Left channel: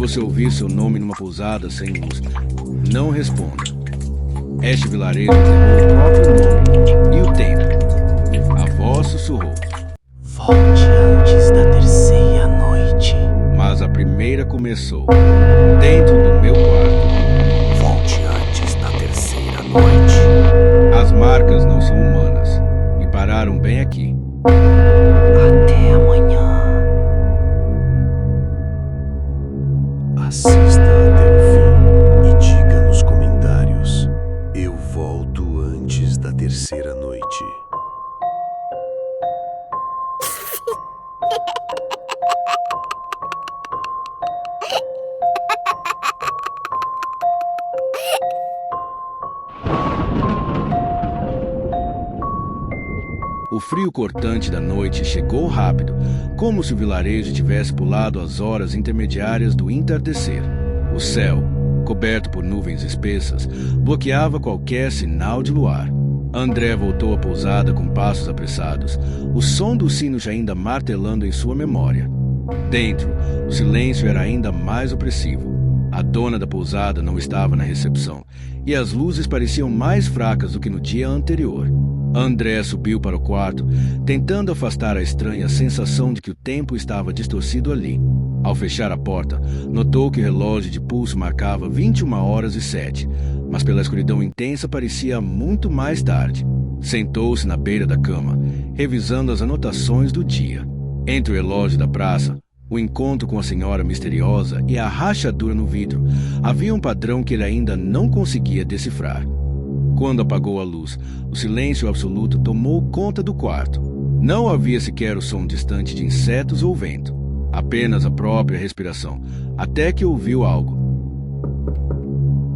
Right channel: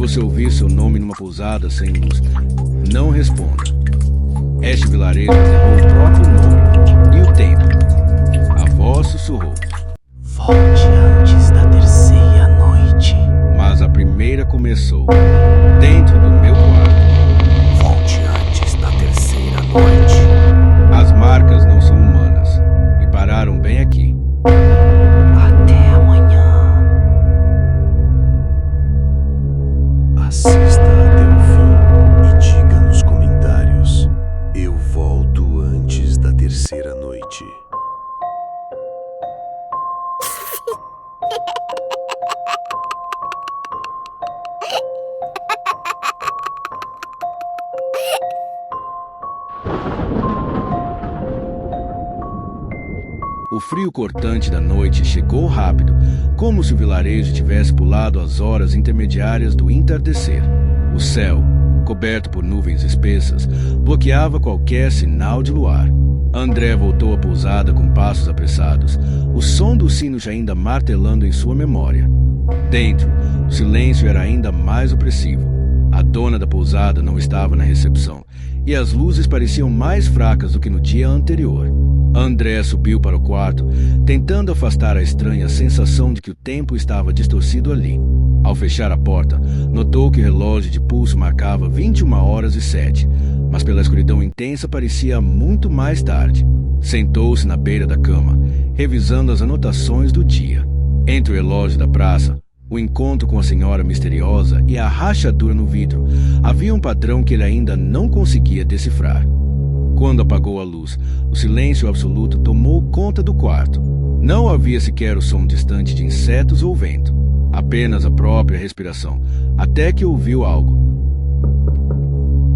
você ouvir seu nome numa pousada sem luz, não responda. Este vilarejo enterrou o próprio nome e o tempo. A voz sussurrou. Volte antes da terceira noite. Mas a primeira começou, dentro do meu quarto. Volte antes da terceira noite. As marcas não são humanas e pararam bem aqui. Até amanhã. Assista até o fim e diga nos comentários: eu volto antes da terceira noite. O frio cortante da noite chegou rápido, como se o vilarejo tivesse pulado as horas intermediárias do entardecer. O céu, coberto por nuvens espessas, bloqueava qualquer sinal de luar. André voltou à pousada com passos apressados, o som dos sinos ainda martelando em sua memória. Dentro, o silêncio era ainda mais opressivo. A dona da pousada não estava na recepção, e as luzes pareciam mais fracas do que no dia anterior. André subiu para o quarto, tentando afastar a estranha sensação de que o tempo estava distorcido ali. Ao fechar a porta, notou que o relógio de pulso marcava 21h07, mas pela escuridão intensa parecia muito mais tarde. Sentou-se na beira da cama, revisando as anotações do dia. Entre o relógio da praça, o encontro com a senhora misteriosa e a rachadura no vidro, havia um padrão que ele ainda não conseguia decifrar. Quando apagou a luz, o silêncio absoluto tomou conta do quarto. Não havia sequer o som distante de insetos ou vento, apenas a própria respiração, até que ouviu algo.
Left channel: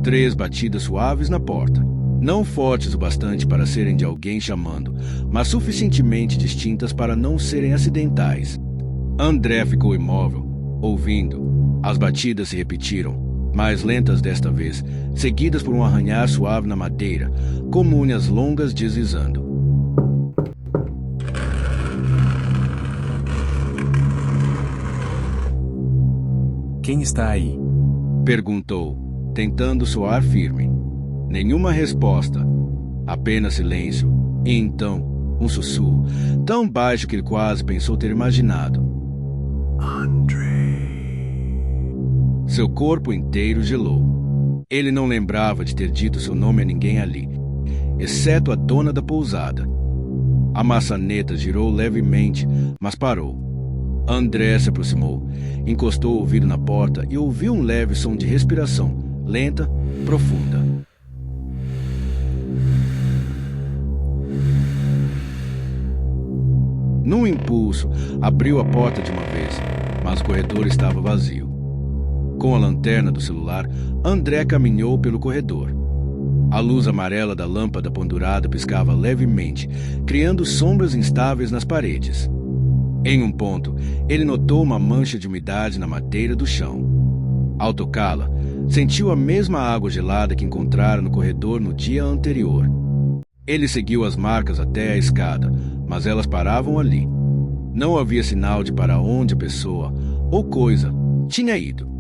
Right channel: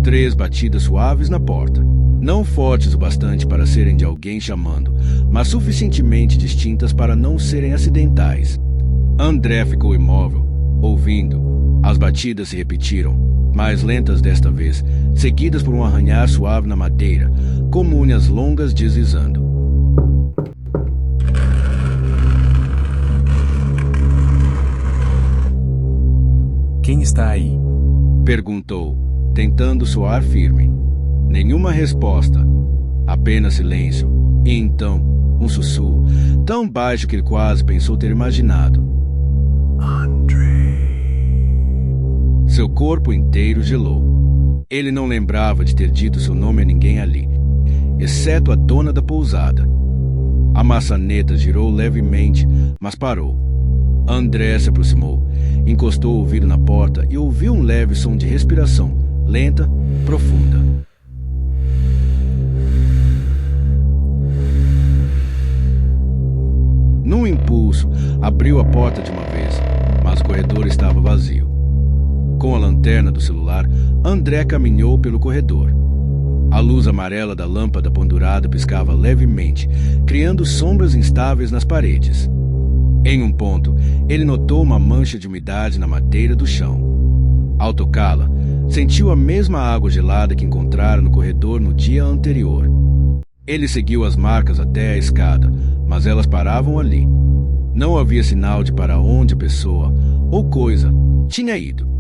3 batidas suaves na porta, não fortes o bastante para serem de alguém chamando, mas suficientemente distintas para não serem acidentais. André ficou imóvel, ouvindo. As batidas se repetiram, mais lentas desta vez, seguidas por um arranhar suave na madeira, como unhas longas deslizando. Quem está aí? Perguntou, tentando soar firme. Nenhuma resposta, apenas silêncio, e então um sussurro, tão baixo que ele quase pensou ter imaginado. André. Seu corpo inteiro gelou. Ele não lembrava de ter dito seu nome a ninguém ali, exceto a dona da pousada. A maçaneta girou levemente, mas parou. André se aproximou, encostou o ouvido na porta e ouviu um leve som de respiração, lenta, profunda. Num impulso, abriu a porta de uma vez, mas o corredor estava vazio. Com a lanterna do celular, André caminhou pelo corredor. A luz amarela da lâmpada pendurada piscava levemente, criando sombras instáveis nas paredes. Em um ponto, ele notou uma mancha de umidade na madeira do chão. Ao tocá-la, sentiu a mesma água gelada que encontrara no corredor no dia anterior. Ele seguiu as marcas até a escada, mas elas paravam ali. Não havia sinal de para onde a pessoa, ou coisa, tinha ido.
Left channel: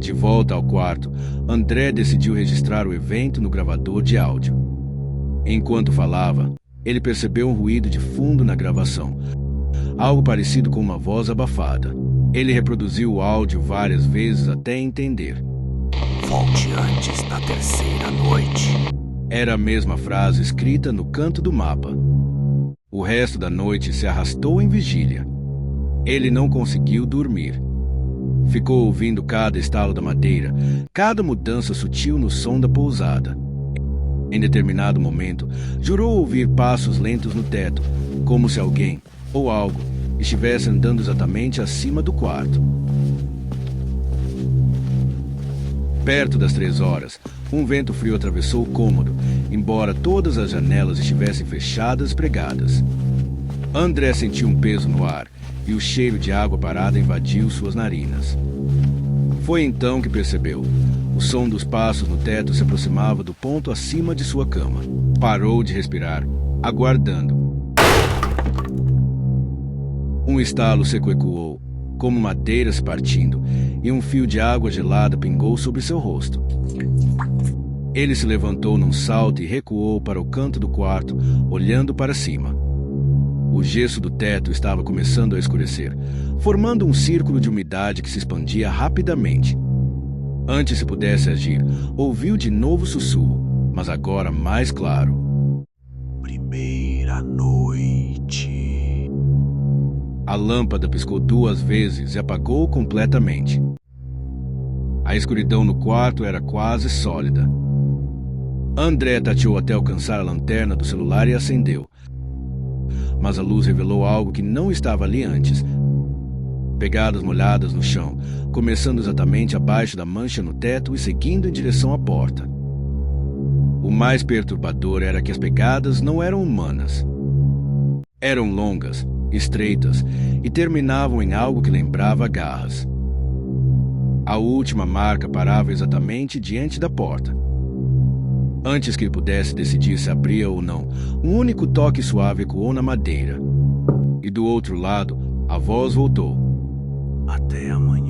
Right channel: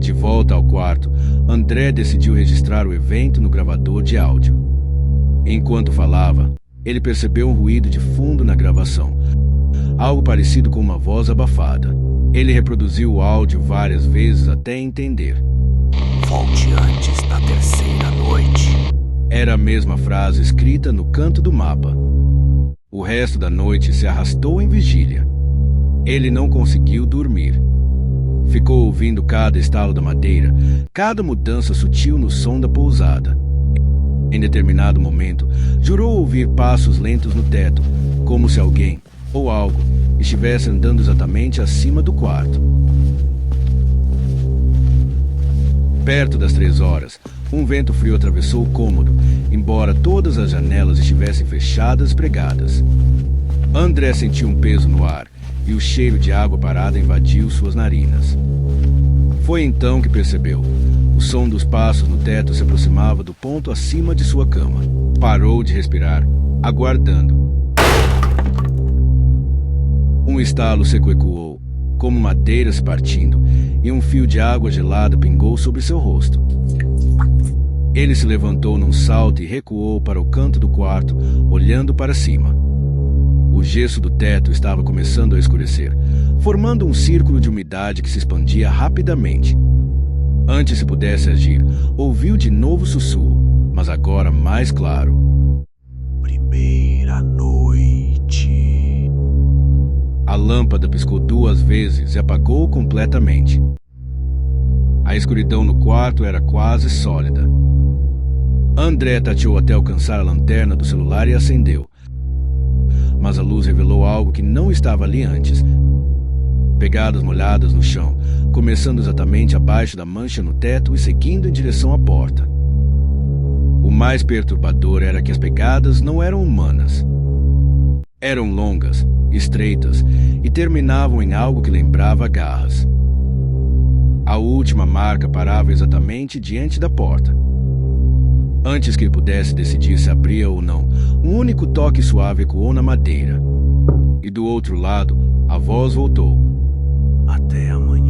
De volta ao quarto, André decidiu registrar o evento no gravador de áudio. Enquanto falava, ele percebeu um ruído de fundo na gravação, algo parecido com uma voz abafada. Ele reproduziu o áudio várias vezes até entender. Volte antes da terceira noite. Era a mesma frase escrita no canto do mapa. O resto da noite se arrastou em vigília. Ele não conseguiu dormir. Ficou ouvindo cada estalo da madeira, cada mudança sutil no som da pousada. Em determinado momento, jurou ouvir passos lentos no teto, como se alguém, ou algo, estivesse andando exatamente acima do quarto. Perto das 3 horas, um vento frio atravessou o cômodo, embora todas as janelas estivessem fechadas e pregadas. André sentiu um peso no ar, e o cheiro de água parada invadiu suas narinas. Foi então que percebeu. O som dos passos no teto se aproximava do ponto acima de sua cama. Parou de respirar, aguardando. Um estalo seco ecoou, como madeira se partindo, e um fio de água gelada pingou sobre seu rosto. Ele se levantou num salto e recuou para o canto do quarto, olhando para cima. O gesso do teto estava começando a escurecer, formando um círculo de umidade que se expandia rapidamente. Antes se pudesse agir, ouviu de novo o sussurro, mas agora mais claro. Primeira noite. A lâmpada piscou 2 vezes e apagou completamente. A escuridão no quarto era quase sólida. André tateou até alcançar a lanterna do celular e acendeu. Mas a luz revelou algo que não estava ali antes. Pegadas molhadas no chão, começando exatamente abaixo da mancha no teto e seguindo em direção à porta. O mais perturbador era que as pegadas não eram humanas. Eram longas, estreitas e terminavam em algo que lembrava garras. A última marca parava exatamente diante da porta. Antes que ele pudesse decidir se abria ou não, um único toque suave ecoou na madeira. E do outro lado, a voz voltou. Até amanhã.